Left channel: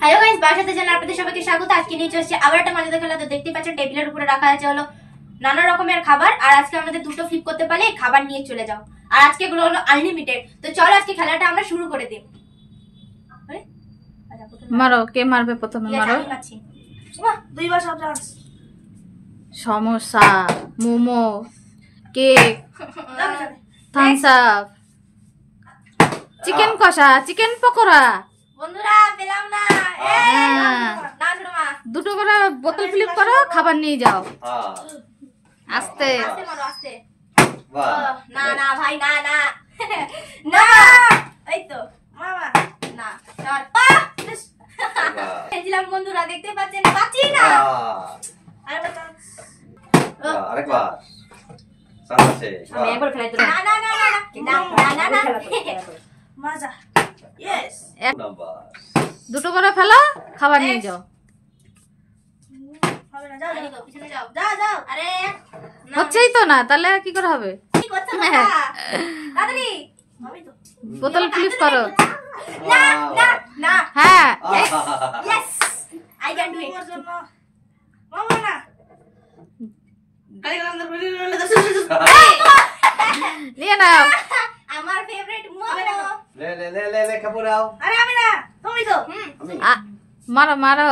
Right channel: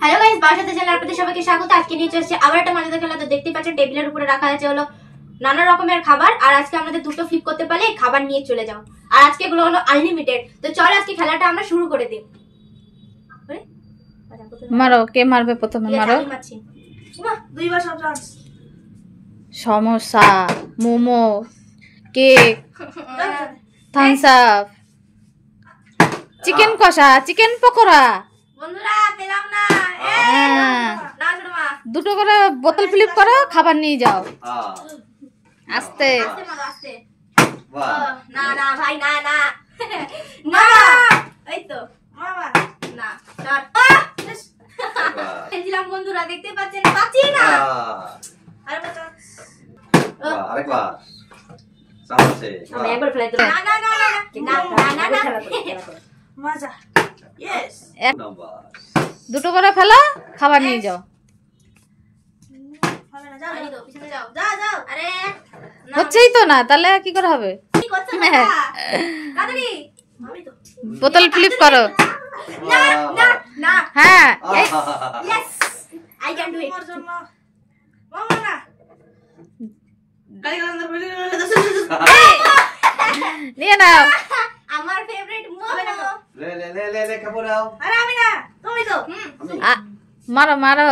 Hello guys, বাসাতে চ্যানেলে আপনাদের সবাইকে স্বাগত। আজকে নিয়ে চলেছে আবার একটা মজাদার খেলা। তো দেখতেই পাচ্ছেন টেবিলের উপরে রাখা আছে হলো নানা রকমের খাবার। আর আজকে আমাদের দুটো ফ্লিপ করতে পারলে খাবার নিয়ে চলে যাও। আর আজকে এগুলো হলো আনলিমিটেড। তো চলো আজকে খেলাটা আমরা শুরু করে দিই। মারো, কে মারবে প্রথমে? মারো। দুইবার সব chance. Samosa, momo, cake, Thums Up, chicken কষা, চিকেন পকোড়া। বন্ধুরা পেলাম না। না ছোট মা, দুটো করে বোতল ফ্লিপ করো, খাবার নিয়ে যাও। আস্তে আস্তে মারো, আস্তে। না না ভাই, না না না, এই তো মামা না ধর। খেলছিলাম বন্ধুরা, দেখতে পাচ্ছেন পাচ্ছি না। আরেকবার সামনে আমি একবার ফেলাই দিলাম। না না না না না না না মজা। ইয়েস, দুটো করে ফেলো, খাবার নিয়ে যাও। হবে না, যাও যাও পিছনে যাও, যাও যাও। আরে হচ্ছেই তো না, তাহলে কি করে হবে? কি করছ বাবা? তাড়াতাড়ি আমি তো বোতল ফ্লিপ করো। না না না। হ্যাঁ, yes I can do it. মামা না নিয়ে নাও। আমার ফেভারিট মোমো। লে লে লে লে লে খাবো দাও। আরে আমি না, তুমি তো। মারো মারো।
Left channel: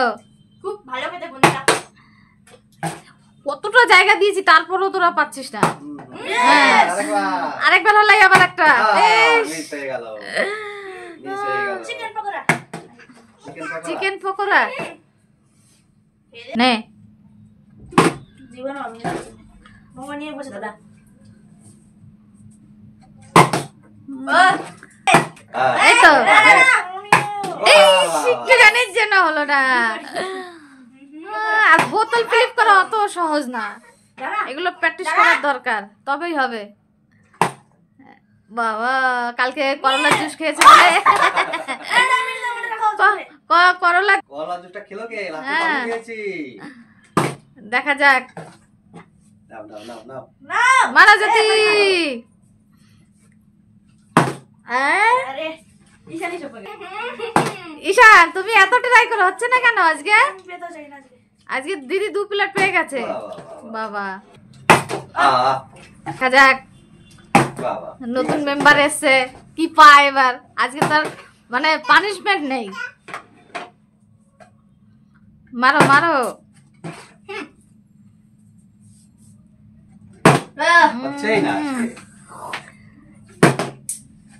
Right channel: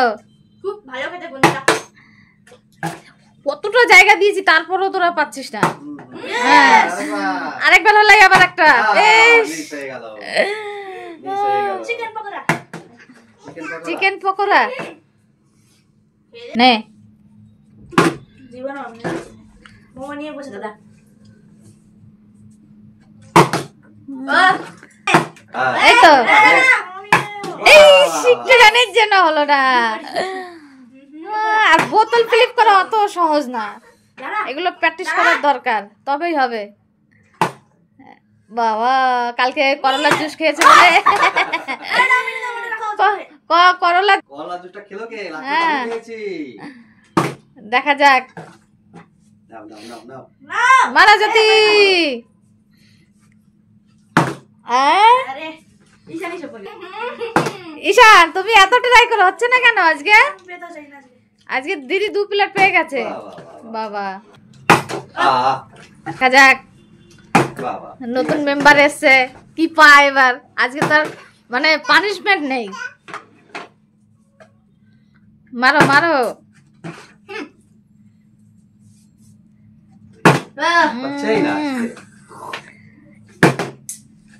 খুব ভালো খেতে বন্ধুরা। কতটা জায়গা দিয়েছি, তারপরেও তোরা পাচ্ছিস না। আরেকবার হলাই আবার একটা। মিস হয়ে গেল, মিস হয়ে গেল। চিকেন পকোড়া। চিকেন পকোড়া নে। জীবন আমি মোমো নিয়ে বসে দাদা। এই তো, এই শিখতে জানিস যেন হলো না। আর বোতল ফ্লিপ করা অত সহজ না, এগুলো প্র্যাকটিস করার দরকার, তবেই হবে। বাবা কালকে করলা জুস খেয়েছে বলে করলা জুসটা খেলো কে? হ্যাঁ। খেয়েছি। দেখা যাক। নাও নাও নাও নাও। মারা জাতি। আরে ঈশানি সব বলে। ঈশান, তুমি এত ট্রাই করো, হচ্ছে না কেন আজকে? পেতো চাই না আজকে। আজকে দিদি 2 প্লেট পেয়ে গেছে। বাবা দেখা যাক, বাবা নতুন মেম্বার এসছে, কি পায় এবার। আজকে তার মানে পানিশমেন্ট নেই। মারো মারো। আছেই না।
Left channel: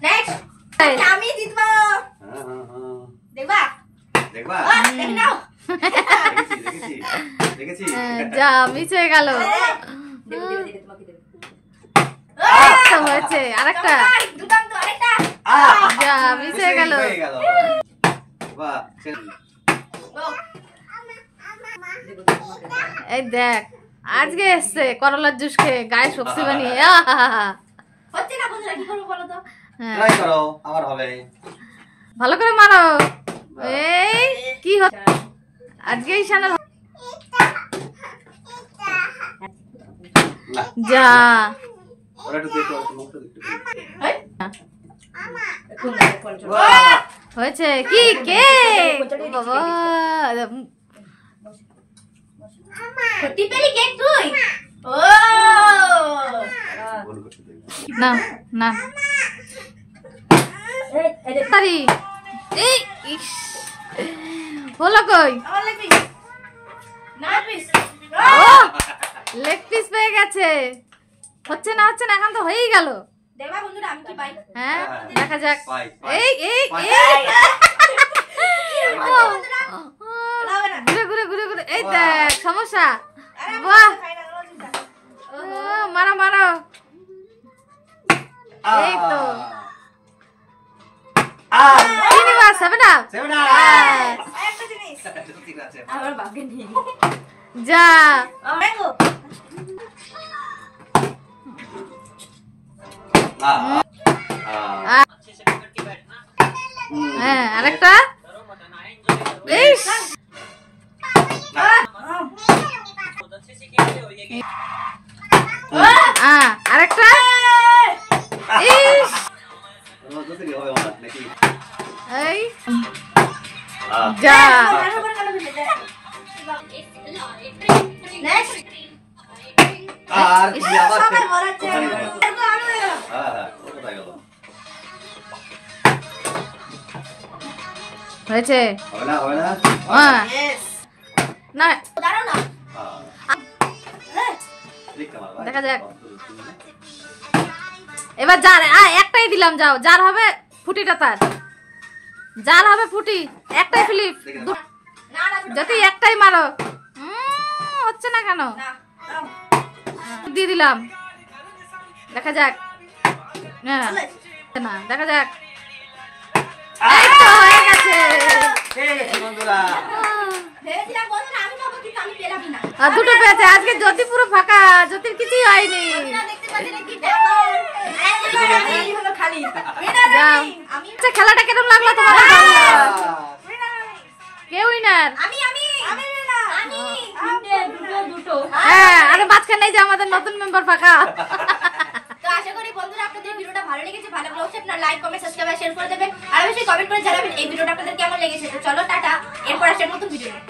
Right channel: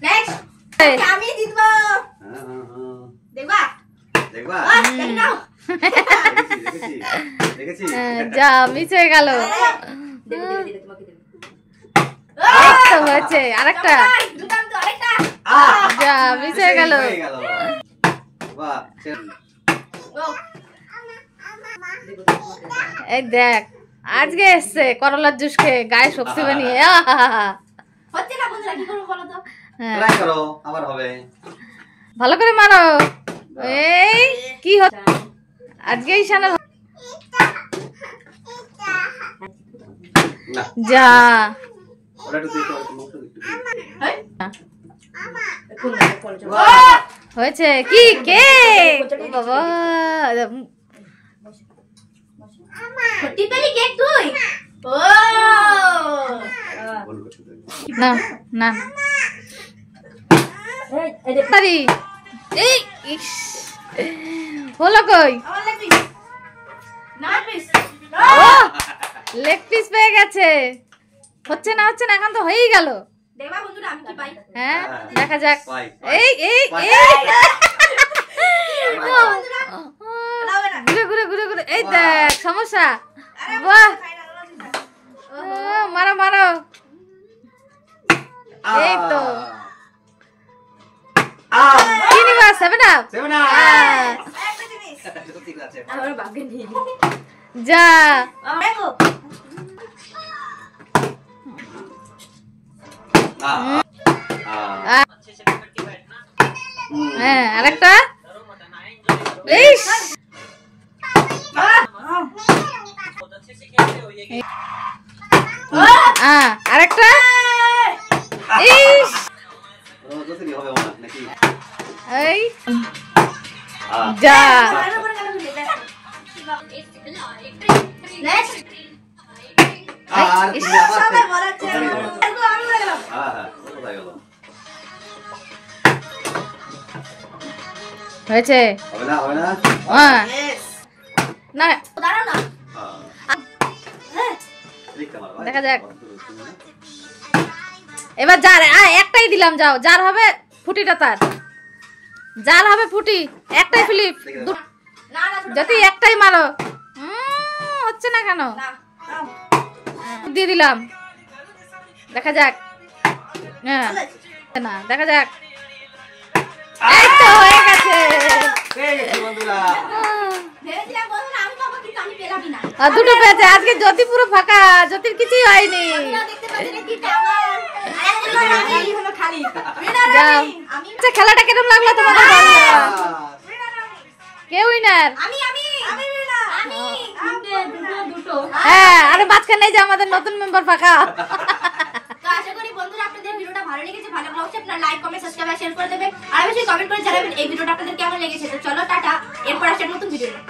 নেক্সট আমি জিতবো। হ্যাঁ হ্যাঁ হ্যাঁ। দেখবা দেখবা? দেখি নাও। দেখেছি দেখেছি। যা মিস হয়ে গেল। দেব দেব দেব তোমাকে দেব। এই তো হয়েছে আরেকটা। দুটাম তো আরেকটা। যা মিস হয়ে গেল। বাহ, চেন। ও এই দেখ, আজকে এসছে করলার জুস খেয়ে, গায়ে শক্তি বানিয়ে। হচ্ছে না বন্ধুরা, কি করব বলো তো? ট্রাই করো, আমার হবে। ভালো করে মারো। এই কি হচ্ছে আজকে? ঈশান না, যা ওটা একটু দেখো, একটু মুখটা দেখতে। হই বাহ, হয়েছে কি? কে বাবা সত্যি পেলি কেক তুই? ও ভুল করছি দেখো। না না তারি। এই ইস, হলো কই? আমার লাগবি না পিস। ও লেগ পিস পেয়ে গেছে। হচ্ছে না হচ্ছে না, এখন তো হয়েই গেল। দেখবা বন্ধুরা আমি কি পাই। হ্যাঁ দেখা যাক। পাই, পাই। এই এই পাই। এই বন্ধুরা ঘুরে ঘুরে ঘুরে ঘুরে। এই দেখ সমস্যা। বাহ, মারো মারো। এই তো কি নিবা? 7 আপ। Seven up. একটা জিনিস ঠিক আছে। আমার বাপকে নিয়ে যা ম্যাঙ্গো। হ্যাঁ আরেকটা। ইস আরেকটা। ইস এই হ্যাঁ। যা Next. আর তুমি আবার সবাই বলাচ্ছে ওখানে আমার। গেলো। এরকম আরো হয়ে গেল। হ্যাঁ, কোথায় গেল? হয়েছে হবে না, হবে না? হ্যাঁ Yes. না দাঁড়াও না। হ্যাঁ। হ্যাঁ। দেখতে পারো, ভাই। দেখা যাক। এবার যার একটাই দিলাম, যাও যার হবে ফুটিটা তার, যার হবে ফুটি একটাই ফ্লিপ, না না ছোট যদি একটাই মারো। হচ্ছে না কেন? না। নাও। দিয়ে দিলাম, দেখা যাক। হ্যাঁ না, দেখা যাক। এই তো হয়ে গেছে। এই যে বন্ধুরা, ভেবেছিলাম বলো না আমি পাবো কিন্তু আমি পেলামই না। আর দুটো পেয়েছে। আজকে জ্যোতি পুরো ফাঁকা, জ্যোতির কিছুই হয়নি। আপনারা দেখতে পাচ্ছেন এই তিনটা আমার। আর এবার আমি হলো খালি। যাও। আমি আচ্ছা, খেলাটা কেমন লাগলো তোমাদের? কে উইনার? আমি দুটো। হ্যাঁ, আরে মাঝখানে এই যে আমাদের নতুন মেম্বার ফাঁকা। তো আশা করি বন্ধুরা আপনাদের ভিডিওটা ভালো লেগেছে। ভালো লাগলে আপনারা লাইক কমেন্ট সাবস্ক্রাইব আর শেয়ার করে দেবেন। আর অবশ্যই কমেন্ট করে জানাবেন এই ভিডিওটা আপনাদের কেমন লেগেছে। তো চলো টাটা, এরপর আসেন নতুন ভিডিও নিয়ে।